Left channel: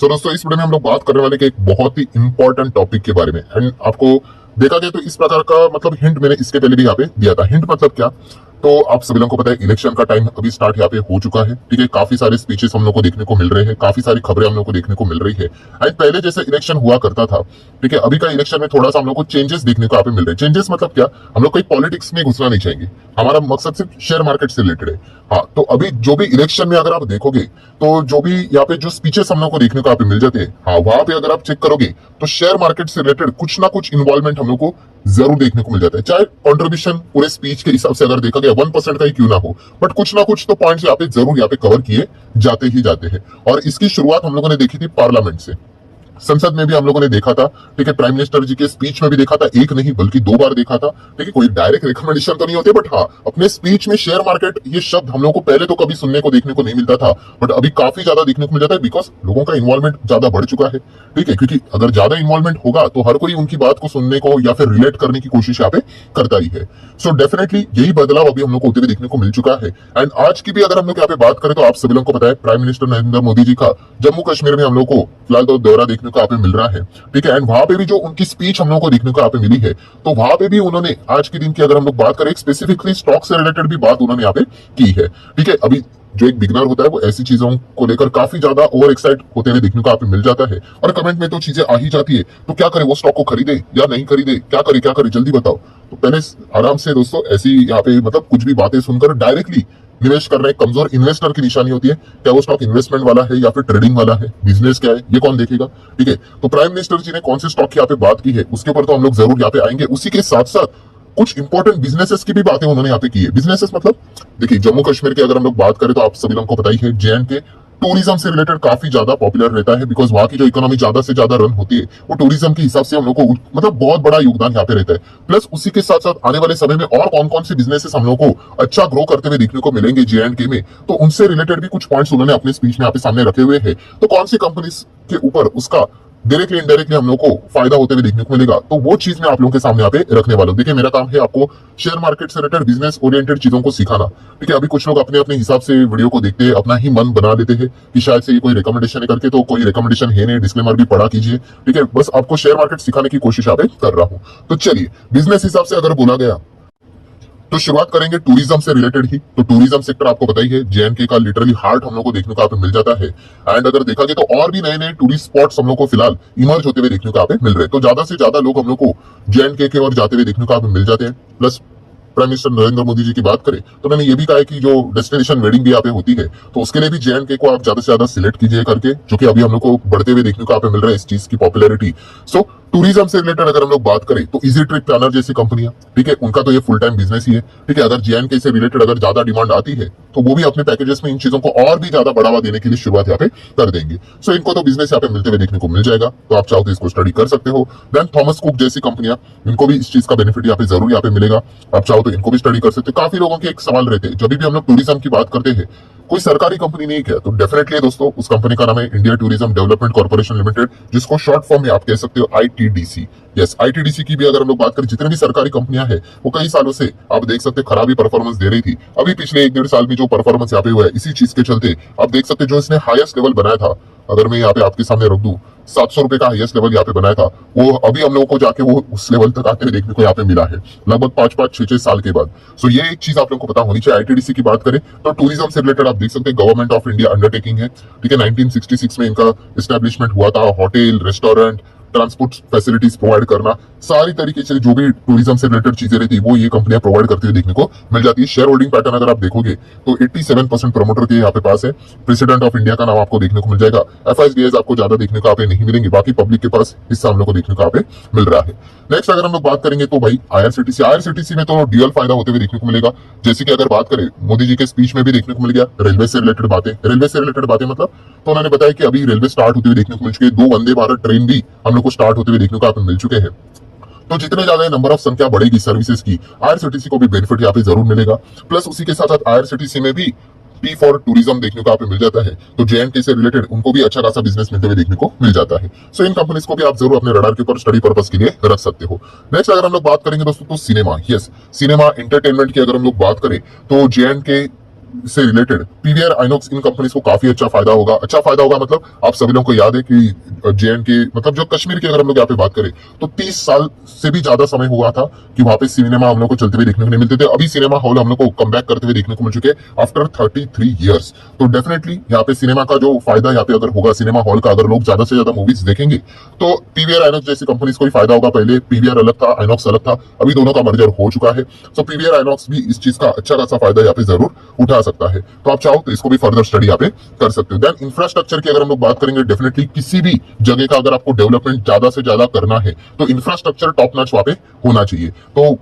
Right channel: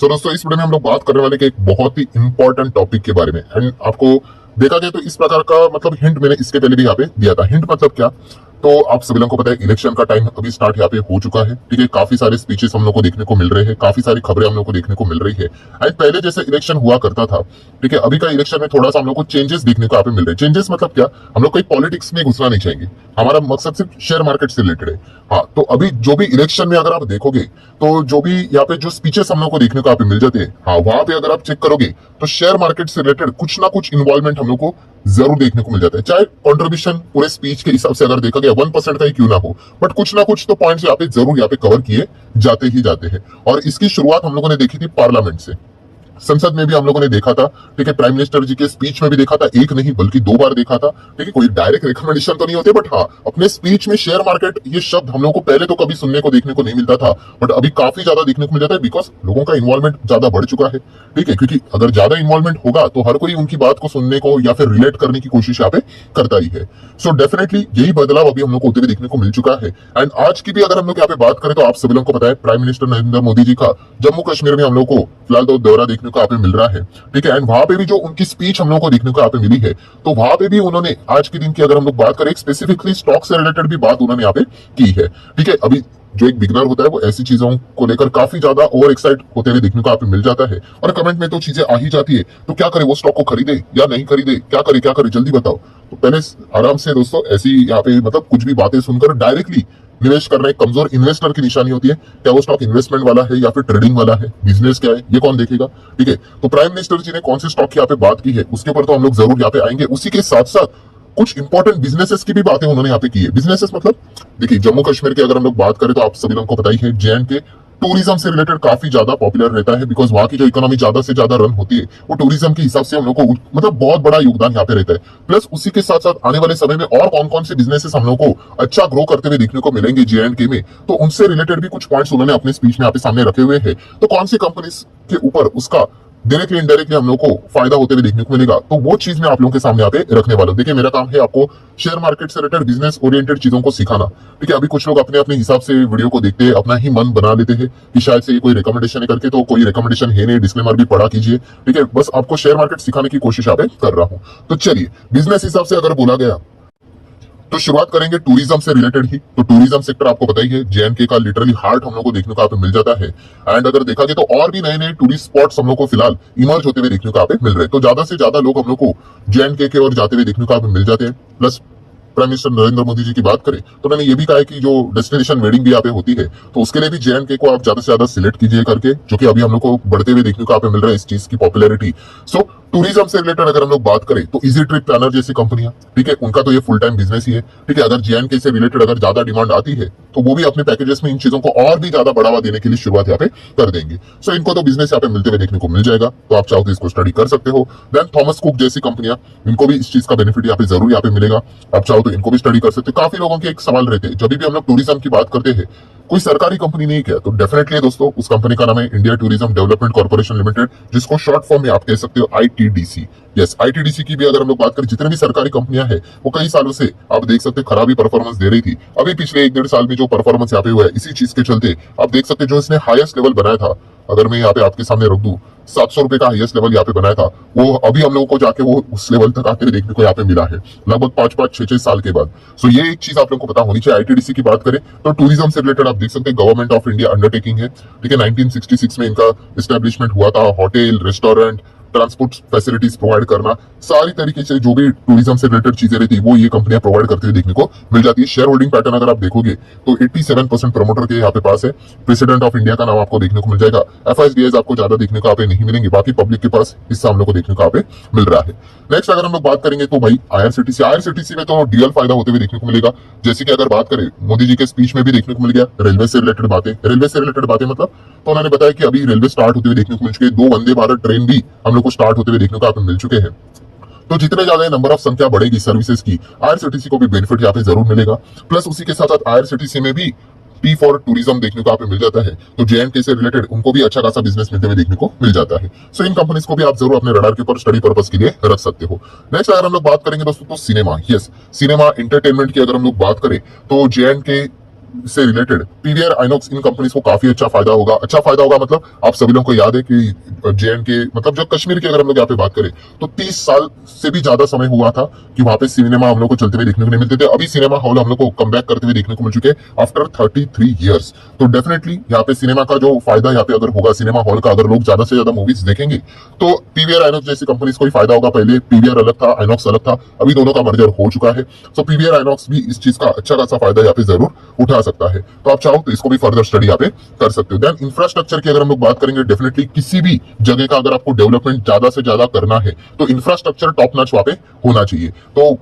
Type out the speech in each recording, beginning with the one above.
सो दोस्तों, इस वीडियो में हम लोग बात करने वाले के एक बहुत ही इंपॉर्टेंट टॉपिक के बारे में। एंड आपको देखा जाए तो इस प्रकार का मतलब हिंट मैंने इसके पहले भी यहाँ पे दिया था। हिंट मतलब क्या, तो आप सभी लोगों को पता है इलेक्शन का टाइम अभी स्टार्ट यहाँ पे हो चुका है। ठीक है, काफी सारे स्पीचेस हम लोग को देखने को मिल रहे हैं, काफी सारी खबरें हम लोग को देखने को मिल रही है। एंड पहले जैसे इलेक्शन हुआ करता था, ठीक है, अभी का इलेक्शन में थोड़ा सा हम लोग को चेंजेस देखने को यहाँ पे मिल रहे हैं। चेंजेस मतलब क्या, हम लोग कोई पॉलिटिक्स में घुसना नहीं चाहेंगे, हमारा मकसद सिर्फ शेयर मार्केट से रिलेटेड है। हाँ, तो अभी जो भी इलेक्शन में अगर आप देखोगे तो जो भी यहाँ पे जो स्पीचेस हम लोग को देखने को यहाँ पे मिल जाते हैं, हाँ, वहां पे अगर आप चेक करोगे तो शेयर मार्केट से रिलेटेड कुछ ना कुछ इन्वॉल्वमेंट हम लोग को जरूर देखने को मिल जाता है। चाहे कंट्रीब्यूशन पूरे स्पीच के हिसाब से अगर देखा गया 1% का ही क्यों ना हो, बट कुछ ना कुछ तो पॉइंट्स यहाँ पे जरूर यहाँ पे कवर किए जाते ही जाते हैं। और इसकी शुरुआत हम लोगों ने देखी थी पार्लियामेंट से, संसद में भी हम लोगों ने देखा था। ठीक है, प्राइम मिनिस्टर जी के स्पीच में भी देखा था, एक नहीं बल्कि 2 बार देखा था। ठीक है, कोई डायरेक्ट रिकमेंडेशन तो नहीं होते, बट हाँ, अपने स्पीच में शेयर मार्केट ये शब्द हम लोगों को पहले तो कभी सुनने को देखने को नहीं मिलता था, बट अभी काफी ज्यादा देखने को मिल जाता है, बिकॉज लोगों का इन्वॉल्वमेंट ज्यादा बढ़ चुका है। ठीक है, क्योंकि अगर ज्यादा इन्वॉल्वमेंट होगा तो हर कोई उनकी बात को सुनने को या फिर रिलेट करने की कोशिश यहाँ पे करता ही है। सो डेफिनेटली यही बदलाव अभी हम लोग को होते हुए देखने को मिल चुका है। एंड आज की भी अगर हम लोग यहाँ पे बात करें तो आप सभी लोगों को पता है प्राइम मिनिस्टर नरेंद्र मोदी जी का जम्मू कश्मीर में हम लोग को फिलहाल तो दौरा देखने को यहाँ पे मिल रहा है। ठीक है, एंड वहां पे भी जो उनकी स्पीच हम लोगों को देखने को यहाँ पे मिली है, तो वहां पे भी उन्होंने आज के दिन की अगर हम लोग बात करें स्पेसिफिकली स्टॉक से रिलेटेड भी बात उन्होंने यहाँ पे की है। ठीक है, अभी जो एक बिगनर होता है वो ऐसी चीजों को लेकर काफी ज्यादा ओवर एक्साइट होते हुए देखने को यहाँ पे मिल जाता है, और कमेंट में तो चीजें आ ही जाती है, तो क्या करे, वो स्टॉक को खरीदे या नहीं खरीदे, क्या करे जल्दी बताओ। तो पहले आराम से दोस्तों, ऐसी यहाँ पे मतलब कुछ भी बातें सुनकर डायरेक्टली निवेश करना एक कमजोर इन्वेस्टर की निशानी होती है। क्या वो स्टॉक इन्वेस्टमेंट वाला है या फिर ट्रेडिंग वाला है, बिजनेस क्या है, ये कौन देखेगा। ठीक है, तो प्राइम मिनिस्टर जी ने कौन से स्टॉक की यहाँ पे बात की है उसके ऊपर तो हम लोग जरूर यहाँ पे आएंगे। उसी के साथ साथ कुछ इंपॉर्टेंट बिजनेसेस की भी बातें उन्होंने यहाँ पे की है। बिजनेसेस मतलब देखिए, जम्मू कश्मीर की अगर हम लोग बात करें तो आप सभी लोगों को पता ही है, JNK टूरिज्म से रिलेटेड काफी ज्यादा पॉपुलर रहता है, बिकॉज वहां की जो इकोनॉमी ज्यादा से ज्यादा रन होती है वो टूरिज्म के हिसाब से हम लोग को मतलब बहुत बड़ा योगदान यहाँ पे रहता है। प्लस उसी के साथ साथ आने वाले समय में और कौन कौन से बिजनेसेस हम लोग को अच्छा ग्रो करते हुए देखने को मिलेंगे JNK में, तो उनसे रिलेटेड भी कुछ पॉइंट्स उन्होंने अपने स्पीच में यहाँ पे सामने रखे हुए हैं। तो कौन सी कंपनीज के ऊपर उसका डायरेक्टली इनडायरेक्टली हम लोग को फायदा होते हुए देखने को मिलेगा, तो वो चीज मैं आप लोगों के सामने यहाँ पे रखने वाला हूँ। देखिए, मेरा काम है आपको शेयर मार्केट से रिलेटेड बिजनेस ओरिएंटेड चीजों को सिखाना। ठीक है, अभी कुछ लोग अपने अपने हिसाब से वीडियो को देखते हैं, अपना ही मन बना लेते हैं कि शायद से ये कोई रिकमेंडेशन है करके, तो कोई रिकमेंडेशन है नहीं, डिस्क्लेमर भी पढ़ा कीजिए। ठीक है, बस आपको शेयर मार्केट सिखाने की कोशिश यहाँ पे कर रहा हूँ। तो चलिए, बिजनेस हिसाब से अगर बोला गया तो शुरुआत करेंगे टूरिज्म से रिलेटेड ही। तो टूरिज्म सेक्टर आपको पता ही है, JNK का लिटरली हार्ट हम लोग को देखने को यहाँ पे मिल जाता है। एंड अगर देखा जाए तो और भी नए नए टूरिस्ट स्पॉट्स हम लोग को फिलहाल इमर्ज होते हुए देखने को यहाँ पे मिल रहे हैं। तो ज्यादा से ज्यादा लोग हम लोग को JNK के ओर जाते हुए देखने को यहाँ पे मिल जाते हैं। Plus prime minister Narendra Modi ji की बात करें तो मैंने ये भी कहा है कि जो डेस्टिनेशन वेडिंग भी यहाँ पे होती है, तो उसके लिए भी JNK को आप ज्यादा से ज्यादा सिलेक्ट कीजिए करके, जो कि अभी हम लोग को बढ़ते हुए देखने को यहाँ पे मिल रहा है इस चीज की पॉपुलैरिटी। सो टूरिज्म से रिलेटेड अगर हम लोग बात करें तो इजी ट्रिप प्लानर जैसी कंपनियां, ठीक है, उनका तो ये फुल टाइम बिजनेस ही है। ठीक है, अगर JNK से रिलेटेड अगर ज्यादा डिमांड आती है तो वो भी अपने पैकेजेस में इन चीजों को और भी ज्यादा बढ़ावा देने के लिए शुरुआत यहाँ पे कर देंगे। सो इनको तो बिजनेस यहाँ पे मिलते हुए देखने को मिल जाएगा, तो आप चाहो तो इसको स्टडी कर सकते हो। देन थॉमस कुक जैसी कंपनियां, इनको भी इस चीज का बेनिफिट यहाँ पे जरूर यहाँ पे मिलेगा, आप चाहो तो इनको भी स्टडी कर सकते हो। काफी लोगों के एक सवाल रहते हैं, जब भी हम लोग टूरिज्म की बात करते हैं, कोई सरकारी कंपनी नहीं क्या, तो डेफिनेटली दोस्तों उस कंपनी का नाम है India tourism development corporation limited, जिसको शॉर्ट फॉर्म में आप कह सकते हो ITDC। यस, ITDC की भी अगर हम लोग बात करें, जितने भी सरकारी कंपनियां हैं वो कई सालों से आप देख सकते हैं खराबी परफॉर्मेंस दे रही थी। अभी पिछले 1-1.5 साल में जो परफॉर्मेंस यहाँ पे हुआ है, इसी चीज के चलते आप देख सकते हैं जो इसने हाईएस्ट लेवल बनाया था, अगर मैं यहाँ पे आपके सामने रख दूं, 700 रुपए का हाईएस्ट लेवल यहाँ पे बनाया था, वो अभी हम लोगों को जाके वो उस लेवल तक आके देखने को यहाँ पे मिला है लगभग 5-5, 6-6 साल के बाद। सो ये एक चीज आप लोगों को पता होनी चाहिए। ITDC की बात करें तो टूरिज्म से रिलेटेड आप देख सकते हैं गवर्नमेंट ऑफ इंडिया अंडरटेकिंग है। ठीक है, 1966 में इनका एस्टेब्लिशमेंट हुआ था। Hotel, restaurant, transport facilities provide करना, सारी तरीके से जो भी टूरिज्म से रिलेटेड चीजें रहती है वो ये कंपनियां प्रोवाइड करती हुई देखने को मिल जाती है। शेयर होल्डिंग पैटर्न अगर आप देखोगे तो 87% प्रमोटर के यहाँ पे पास है। प्रेसिडेंट ऑफ इंडिया का नाम आपको देखने को मिल जाएगा। FIDs आपको ज्यादा देखने को यहाँ पे नहीं मिलेंगे, बाकी पब्लिक के पास हिस्सा हम लोग को देखने को यहाँ पे मिल रहा है। नेक्स्ट अगर हम लोग बात करेंगे तो भाई IRCTC में तो ड्यूअल फायदा होते हुए देखने को मिलेगा। जैसे कि अगर बात करें, मोदी जी के स्पीच में भी देखने को मिल गया रेलवे से रिलेटेड बातें। रेलवे से रिलेटेड बातें मतलब, तो उन्होंने बताया कि अभी रेलवे स्टार्ट होते हुए देखने को मिल चुके हैं, 2 वंदे भारत ट्रेन भी हम लोग को स्टार्ट होते हुए देखने को यहाँ पे मिल चुके हैं। तो जितने ज्यादा नंबर ऑफ संख्या बढ़ेगी सर्विसेज की, IRCTC को भी बेनिफिट यहाँ पे जरूर मिलेगा। प्लस उसी के साथ साथ IRCTC में भी P फॉर टूरिज्म देखने को यहाँ पे मिल जाता है, तो JNK से रिलेटेड उनको भी अच्छा खासा बिजनेस मिलते हुए देखने को मिल जाता है। सो इन कंपनीज को भी आप जरूर अपने रडार के ऊपर स्टडी पर्पस के लिए रख सकते हो। नेक्स्ट अगर हम लोग बात करेंगे दोस्तों तो सिनेमा, यस, सिनेमा एंटरटेनमेंट की अगर हम लोग बात करें तो JNK से रिलेटेड पीवीआर आइनॉक्स इन कंपनीज को काफी अच्छा फायदा होगा। अच्छा फायदा होगा मतलब आप सभी लोगों को याद है कि जेएंडके मतलब जो कश्मीर की अगर हम लोग यहाँ पे बात करें तो 30 साल से भी ज्यादा समय हुआ था कि वहां पे सिनेमा हम लोग को चलते हुए देखने को नहीं मिलते थे। अभी सिनेमा हॉल हम लोग को कम बैक करते हुए देखने को मिल चुके आफ्टर 33 ईयर्स। तो डेफिनेटली यहाँ पे सिनेमा का जो फायदा यहाँ पे अगर होगा सिनेमा हॉल का, अगर लोग ज्यादा से ज्यादा मूवीज देखेंगे तो पीवीआर आइनॉक्स जैसी कंपनीज को ही फायदा होगा। पहले पीवीआर अलग था, आइनॉक्स अलग था, अभी दोनों का मर्जर हो चुका है। तो पीवीआर आइनॉक्स भी इस चीज का अच्छा खासा फायदा यहाँ पे जरूर उठा सकता है। तो आप चाहो तो इसको भी फर्दर स्टडी यहाँ पे कर सकते हो। देन इंफ्रास्ट्रक्चर की अगर हम लोग बात करेंगे, डेफिनेटली किसी भी जगह का अगर आपको डेवलपमेंट ज्यादा से ज्यादा करना है तो इंफ्रास्ट्रक्चर टॉप नॉच वहां पे होना चाहिए। तो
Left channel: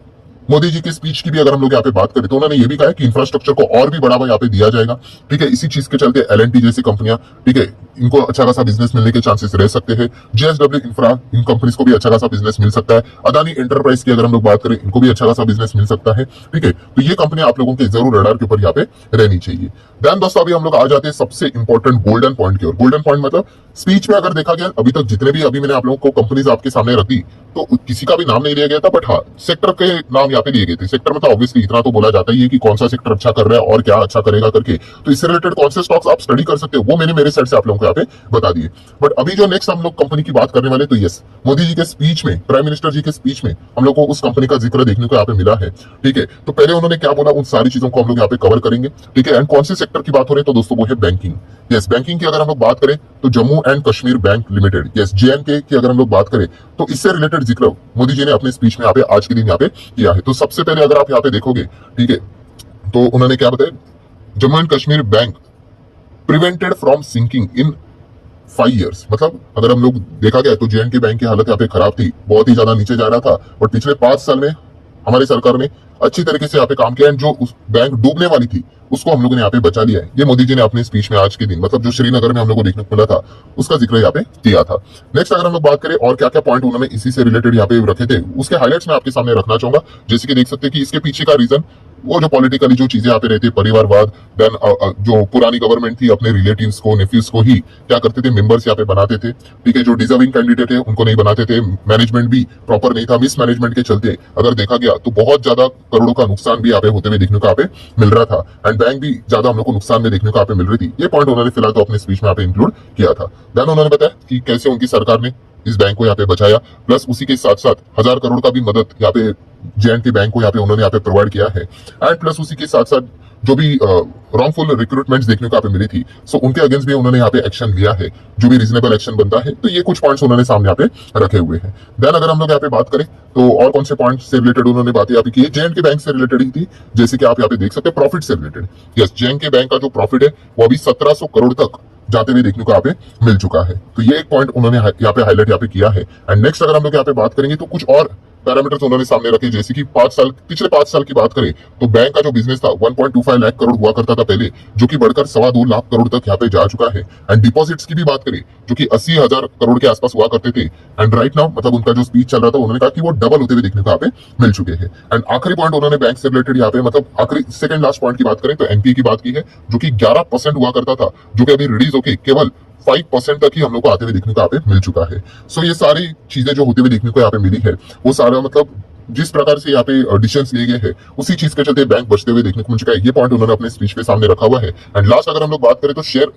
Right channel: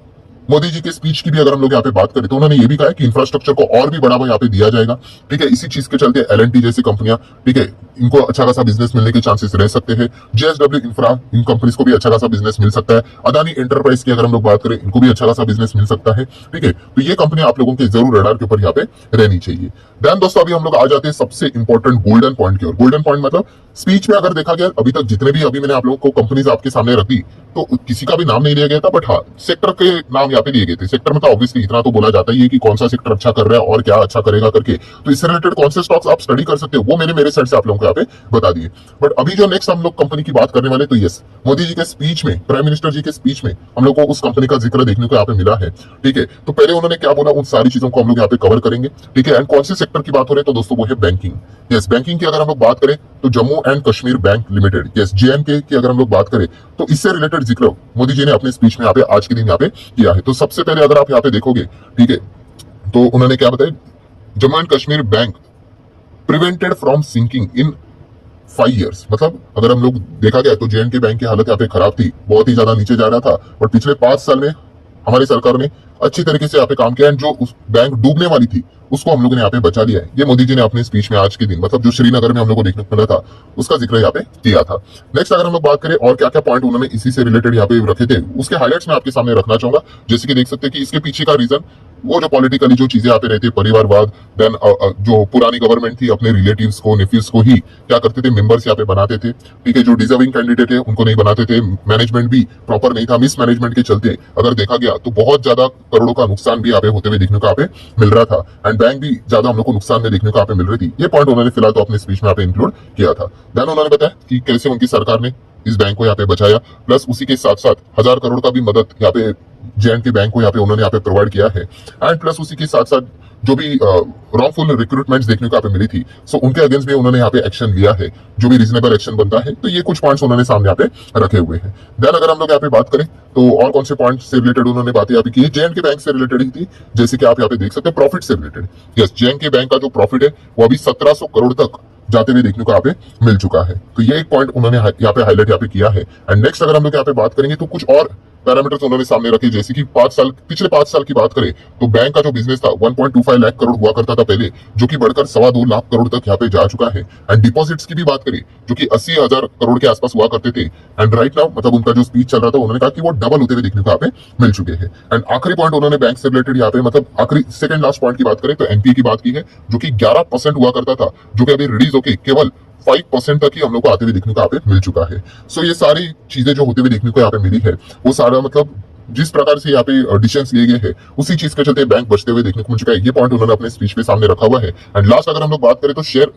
मोदी जी के स्पीच की भी अगर हम लोग यहाँ पे बात करें तो उन्होंने ये भी कहा कि इंफ्रास्ट्रक्चर को और भी बढ़ावा यहाँ पे दिया जाएगा। ठीक है, इसी चीज के चलते एलएनटी जैसी कंपनियां, ठीक है, इनको अच्छा खासा बिजनेस मिलने के चांसेस रह सकते हैं। जेएसडब्ल्यू इंफ्रा, इन कंपनीज को भी अच्छा खासा बिजनेस मिल सकता है। अदानी एंटरप्राइज की अगर हम लोग बात करें, इनको भी अच्छा खासा बिजनेस मिल सकता है। ठीक है, तो ये कंपनी आप लोगों के जरूर रडार के ऊपर यहाँ पे रहनी चाहिए। देन दोस्तों अभी हम लोग आ जाते हैं सबसे इंपॉर्टेंट गोल्डन पॉइंट की ओर। गोल्डन पॉइंट मतलब स्पीच में अगर देखा गया अभी तक जितने भी अभी मैंने आप लोगों को कंपनीज आपके सामने रख दी तो किसी का भी नाम नहीं लिया गया था, बट हाँ सेक्टर के नाम यहाँ पे लिए गए थे। सेक्टर में तो ऑब्वियसली इतना तो बोला जाता ही है कि कौन सा सेक्टर अच्छा कर रहा है और क्या अच्छा करेगा करके, तो इससे रिलेटेड कौन से स्टॉक्स आप स्टडी कर सकते हो वो मैंने मेरे साइड से आप लोगों को यहाँ पे बता दिए। बट अभी जो नेक्स्ट हम लोग कंपनी की बात करने वाले, तो यस, मोदी जी के स्पीच में, प्राइम मिनिस्टर जी के स्पीच में हम लोग को उस कंपनी का जिक्र देखने को यहाँ पे मिला है। ठीक है, तो पहले उन्होंने क्या बोला उन सारी चीजों को हम लोग यहाँ पे कवर करेंगे। ठीक है, एंड कौन से सेक्टर की बात हो रही है तो दोस्तों वो है बैंकिंग। यस, बैंकिंग की अगर हम लोग बात करें तो Jammu and Kashmir bank limited, yes JNK की अगर हम लोग बात करें तो इससे रिलेटेड जिक्र मोदी जी ने अपने स्पीच में यहाँ पे आज के दिन यहाँ पे किया है। तो सबसे पहले अगर आप यहाँ पे देखोगे, ठीक है, तो उन्होंने क्या बताया, Jammu and Kashmir bank prevented from sinking in 5 years। मतलब अगर हम लोग देखा गया तो जेएनके बैंक की हालत यहाँ पे खराब थी, बहुत ही ज्यादा नीचे जा रहा था, बट पिछले 5 साल में हमारी सरकार ने अच्छी तरीके से यहाँ पे काम किया एंड जो उस बैंक डूबने वाली थी उसको हम लोगों ने यहाँ पे बचा लिया है। ये मोदी जी ने अपने स्पीच में आज के दिन, मतलब जो श्रीनगर में हम लोग को देखने को मिला था उसका जिक्र यहाँ पे किया था। नेक्स्ट अगर हम लोग बात करें और क्या क्या पॉइंट उन्होंने इसी से रिलेटेड यहाँ पे रखे थे, उसके हाईलाइट्स मैं आपके सामने रखना चाहूंगा। जैसे कि देख सकते हैं कि इसके पीछे का रीजन वो जो पॉलिटिकली जो चीजें यहाँ पे रहती है, परिवारवाद, देन जो पुरानी गवर्नमेंट थी अपने रिलेटिव्स को, नेफ्यूज को ही क्या करते थे, मेंबर्स यहाँ पे बनाते थे। ठीक है, जो डिजर्विंग कैंडिडेट है उनको नहीं बनाते थे, मैनेजमेंट भी प्रॉपर नहीं था, मिस मैनेजमेंट के चलते अगर देखा गया तो बहुत ज्यादा करोड़ों का नुकसान भी यहाँ पे होते हुए देखने को यहाँ पे मिल रहा था एंड बैंक भी ज्यादा हम लोग को नुकसान में देखने को यहाँ पे मिल रही थी। ये पॉइंट उन्होंने फिलहाल तो अपने स्पीच में यहाँ पे इंक्लूड किया था। देन उन्होंने बताया कि कैसे उनकी सरकार ने इस बैंक को यहाँ पे बचाया, प्लस उसी के साथ साथ 1000 करोड़ का भी मदद यहाँ पे जेएनके बैंक को यहाँ पे उन्होंने यहाँ पे प्रोवाइड किया है एंड प्लस उसी के साथ साथ जो भी रॉन्गफुल रिक्रूटमेंट्स देखने को यहाँ पे मिली थी सो उनके अगेंस्ट भी उन्होंने यहाँ पे एक्शन लिया है, जो भी रीजनेबल एक्शन बनता है। तो ये कुछ पॉइंट्स उन्होंने सामने यहाँ पे रखे हुए हैं। देन अगर हम लोग यहाँ पे बात करें तो और कौन से पॉइंट से रिलेटेड उन्होंने बातें यहाँ पे की है, जेएनके बैंक से रिलेटेड ही थी। जैसे कि आप यहाँ पे देख सकते हैं प्रॉफिट से रिलेटेड, यस जेएनके बैंक का जो प्रॉफिट है वो अभी 1700 करोड़ तक जाते हुए देखने को यहाँ पे मिल चुका है। तो ये एक पॉइंट उन्होंने यहाँ पे हाईलाइट यहाँ पे किया है। एंड नेक्स्ट अगर हम लोग यहाँ पे बात करेंगे तो कुछ और पैरामीटर्स उन्होंने सामने रखे, जैसे कि पिछले 5 साल की बात करें तो बैंक का जो बिजनेस था 1.25 लाख करोड़ हुआ करता था पहले, जो कि बढ़कर 2.25 लाख करोड़ तक यहाँ पे जा चुका है। एंड डिपॉजिट्स की भी बात करें जो कि 80,000 करोड़ के आसपास हुआ करते थे एंड राइट नाउ मतलब उनका जो स्पीच चल रहा था उन्होंने कहा कि वो डबल होते हुए देखने को यहाँ पे मिल चुके हैं। एंड आखिरी पॉइंट उन्होंने बैंक से रिलेटेड यहाँ पे मतलब आखिरी सेकंड लास्ट पॉइंट की बात करें तो एनपीए की बात की है, जो कि 11% हुआ करता था, जो कि अभी रिलीज होकर केवल 5% तक ही हम लोग को आते हुए देखने को यहाँ पे मिल चुका है। सो ये सारी चीजें जो होते हुए देखने को यहाँ पे मिली है वो सारा मतलब जिस प्रकार से यहाँ पे डिसीजंस लिए गए हैं उसी चीज के चलते बैंक बचते हुए देखने को मिल चुका है। ये पॉइंट उन्होंने अपने स्पीच पे सामने रखा हुआ है। एंड लास्ट अगर हम लोग बात करें तो शेयर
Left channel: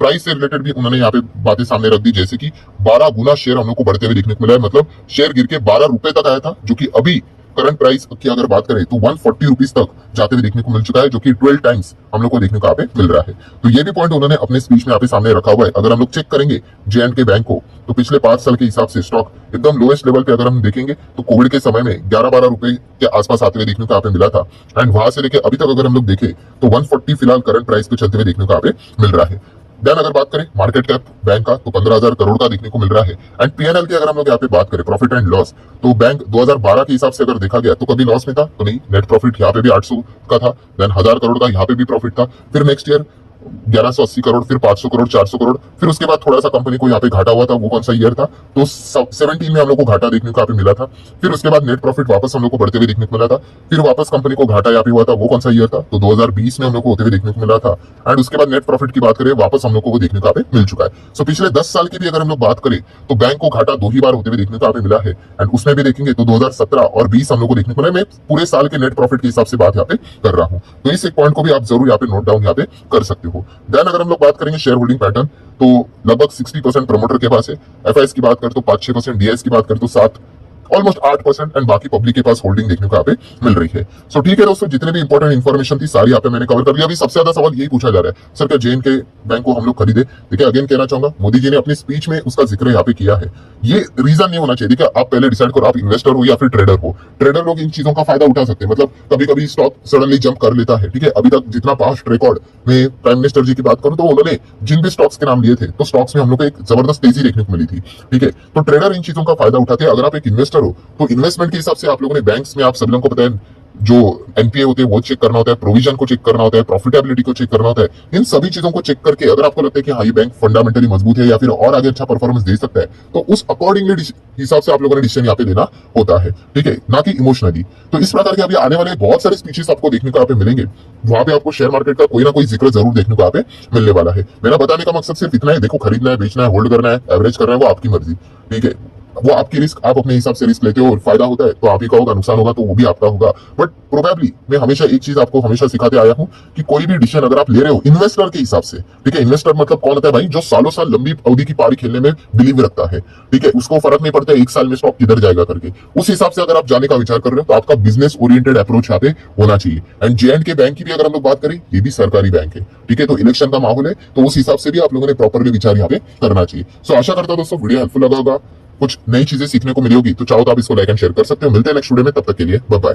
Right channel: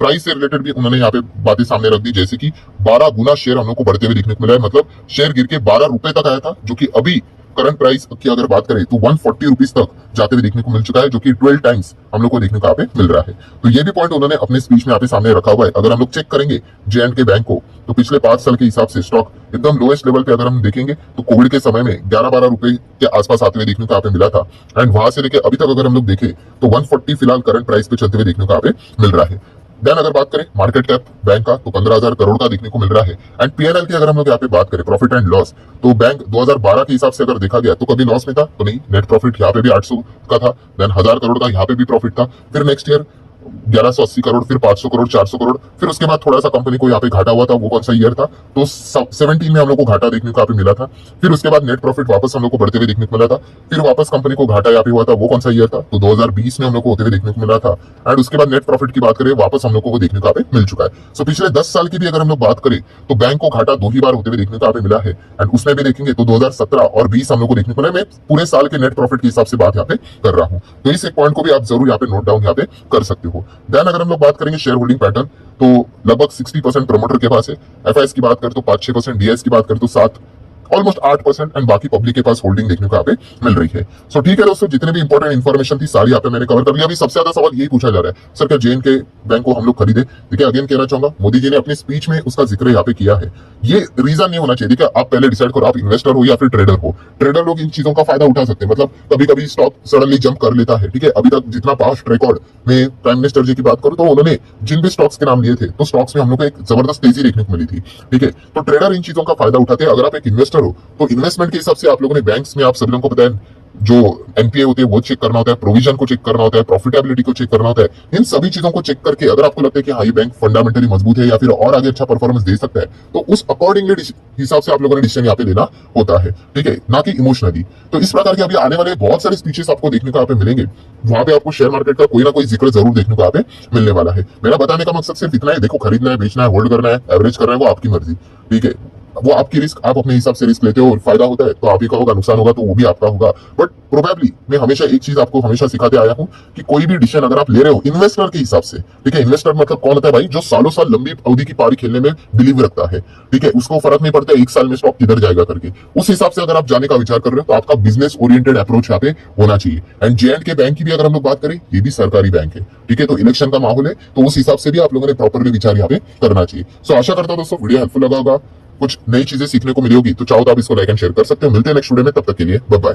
प्राइस से रिलेटेड भी उन्होंने यहाँ पे बातें सामने रख दी, जैसे कि 12 गुना शेयर हम लोग को बढ़ते हुए देखने को मिला है। मतलब शेयर गिर के 12 रुपए तक आया था, जो कि अभी करंट प्राइस की अगर बात करें तो 140 रुपीज तक जाते हुए देखने को मिल चुका है, जो कि 12 टाइम्स हम लोग को देखने को यहाँ पे मिल रहा है। तो ये भी पॉइंट उन्होंने अपने स्पीच में यहाँ पे सामने रखा हुआ है। अगर हम लोग चेक करेंगे जेएनके बैंक को तो पिछले 5 साल के हिसाब से स्टॉक एकदम लोएस्ट लेवल पे अगर हम देखेंगे तो कोविड के समय में 11-12 रुपए के आसपास आते हुए देखने को यहाँ पे मिला था एंड वहां से लेके अभी तक अगर हम लोग देखें तो 140 फिलहाल करंट प्राइस पे चलते हुए देखने को यहाँ पे मिल रहा है। देन अगर बात करें मार्केट कैप बैंक का तो 15,000 करोड़ का देखने को मिल रहा है। एंड पीएनएल की अगर हम लोग यहाँ पे बात करें प्रॉफिट एंड लॉस तो बैंक 2012 के हिसाब से अगर देखा गया तो कभी लॉस में था तो नहीं, नेट प्रॉफिट यहाँ पे भी 800 का था, देन 1000 करोड़ का यहाँ पे भी प्रॉफिट था। फिर नेक्स्ट ईयर 1180 करोड़, फिर 500 करोड़, 400 करोड़, फिर उसके बाद थोड़ा सा कंपनी को यहाँ पे घाटा हुआ था। वो कौन सा ईयर था? तो 17 में हम लोग को घाटा देखने को यहाँ पे मिला था। फिर उसके बाद नेट प्रॉफिट वापस हम लोग को बढ़ते हुए देखने को मिला था। फिर वापस कंपनी को घाटा यहाँ पे हुआ था। वो कौन सा ईयर था? तो 2020 में हम लोग को होते हुए देखने को मिला था। एंड उसके बाद नेट प्रॉफिट की बात करें, वापस हम लोग को वो देखने को यहाँ पे मिल चुका है। सो पिछले 10 साल की भी अगर हम लोग बात करें तो बैंक को घाटा 2 ही बार होते हुए देखने को यहाँ पे मिला है। एंड उसमें भी देखेंगे तो 2017 और 20 हम लोग को देखने को मिला। मैं पूरे साल के नेट प्रॉफिट के हिसाब से बात यहाँ पे कर रहा हूँ, तो इस एक पॉइंट को भी आप जरूर यहाँ पे नोट डाउन यहाँ पे कर सकते हो। देन अगर हम लोग बात करेंगे शेयर होल्डिंग पैटर्न, तो लगभग 60% प्रमोटर के पास है। एफआईएस की बात करें तो 5-6%, डीएस की बात करें तो 7, ऑलमोस्ट 8%, एंड बाकी पब्लिक के पास होल्डिंग देखने को यहाँ पे मिल रही है। सो ठीक है दोस्तों, जितने भी इंपॉर्टेंट इन्फॉर्मेशन थी सारी यहाँ पे मैंने कवर कर लिया। अभी सबसे ज्यादा सवाल यही पूछा जा रहा है, सर क्या जेएनके बैंक को हम लोग खरीदे? देखिए अगेन कहना चाहूंगा, मोदी जी ने अपनी स्पीच में उसका जिक्र यहाँ पे किया है। ये रीजन नहीं होना चाहिए। देखिए आप पहले डिसाइड करो, आप इन्वेस्टर हो या फिर ट्रेडर हो। ट्रेडर लोग इन चीजों का फायदा उठा सकते हैं, मतलब कभी कभी स्टॉक सडनली जंप कर लेता है। ठीक है, अभी तक जितना पास्ट रिकॉर्ड में प्राइम मिनिस्टर जी की बात करूं तो उन्होंने जिन भी स्टॉक्स के नाम लिए थे तो स्टॉक्स में हम लोग को एक जबरदस्त तेजी देखने को मिली थी। ठीक है, तो ट्रेडर इन चीजों का फायदा उठाते हैं। अगर आप एक इन्वेस्टर हो तो इन्वेस्टमेंट के हिसाब से आप लोगों ने बैंक्स में, आप सभी लोगों को पता है, जो एनपीए होते हैं वो चेक करना होता है, प्रोविजन को चेक करना होता है, प्रॉफिटेबिलिटी को चेक करना होता है। इन सभी चीजों को चेक करके अगर आपको लगता है कि हाँ ये बैंक फंडामेंटली मजबूत है या फिर और आगे अच्छा परफॉर्मेंस दे सकता है, तो उस अकॉर्डिंगली हिसाब से आप लोगों ने डिसीजन यहाँ पे देना होता है। ठीक है, ना कि इमोशनली। तो इस प्रकार के अभी आने वाले बहुत सारे स्पीचेस आपको देखने को यहाँ पे मिलेंगे। वहां पे आपको शेयर मार्केट का कोई ना कोई जिक्र जरूर देखने को यहाँ पे मिलने वाला है। मेरा बताने का मकसद सिर्फ इतना है, देखो खरीदना है, बेचना है, होल्ड करना है, एवरेज करना है, वो आपकी मर्जी। ठीक है, वो आपकी रिस्क, आप अपने हिसाब से रिस्क लेते हो। फायदा होता है तो आप ही का होगा, नुकसान होगा तो वो भी आपका होगा। बट प्रोबेबली मैं हमेशा एक चीज आपको हमेशा सिखाते आया हूं कि कोई भी डिसीजन अगर आप ले रहे हो इन्वेस्टर के हिसाब से, ठीक है, इन्वेस्टर मतलब कौन होता है भाई? जो सालों साल लंबी अवधि की पारी खेलने में बिलीव रखता है। ठीक है, उसको फर्क नहीं पड़ता एक साल में स्टॉक किधर जाएगा करके। उस हिसाब से अगर आप जाने का विचार कर रहे हो तो आपका बिजनेस ओरिएंटेड अप्रोच यहाँ पे होना चाहिए। एंड जेएंडके बैंक की भी अगर हम लोग बात करें, ये भी सरकारी बैंक है। ठीक है, तो इलेक्शन का माहौल है तो उस हिसाब से भी आप लोगों ने प्रॉपरली विचार यहाँ पे करना चाहिए। सो आशा करता हूं दोस्तों वीडियो हेल्पफुल लगा होगा, कुछ नई चीजें सीखने को मिलेगी। तो चाहो तो आप इसको लाइक एंड शेयर कर सकते हो। मिलते हैं नेक्स्ट वीडियो में, तब तक के लिए बाय बाय।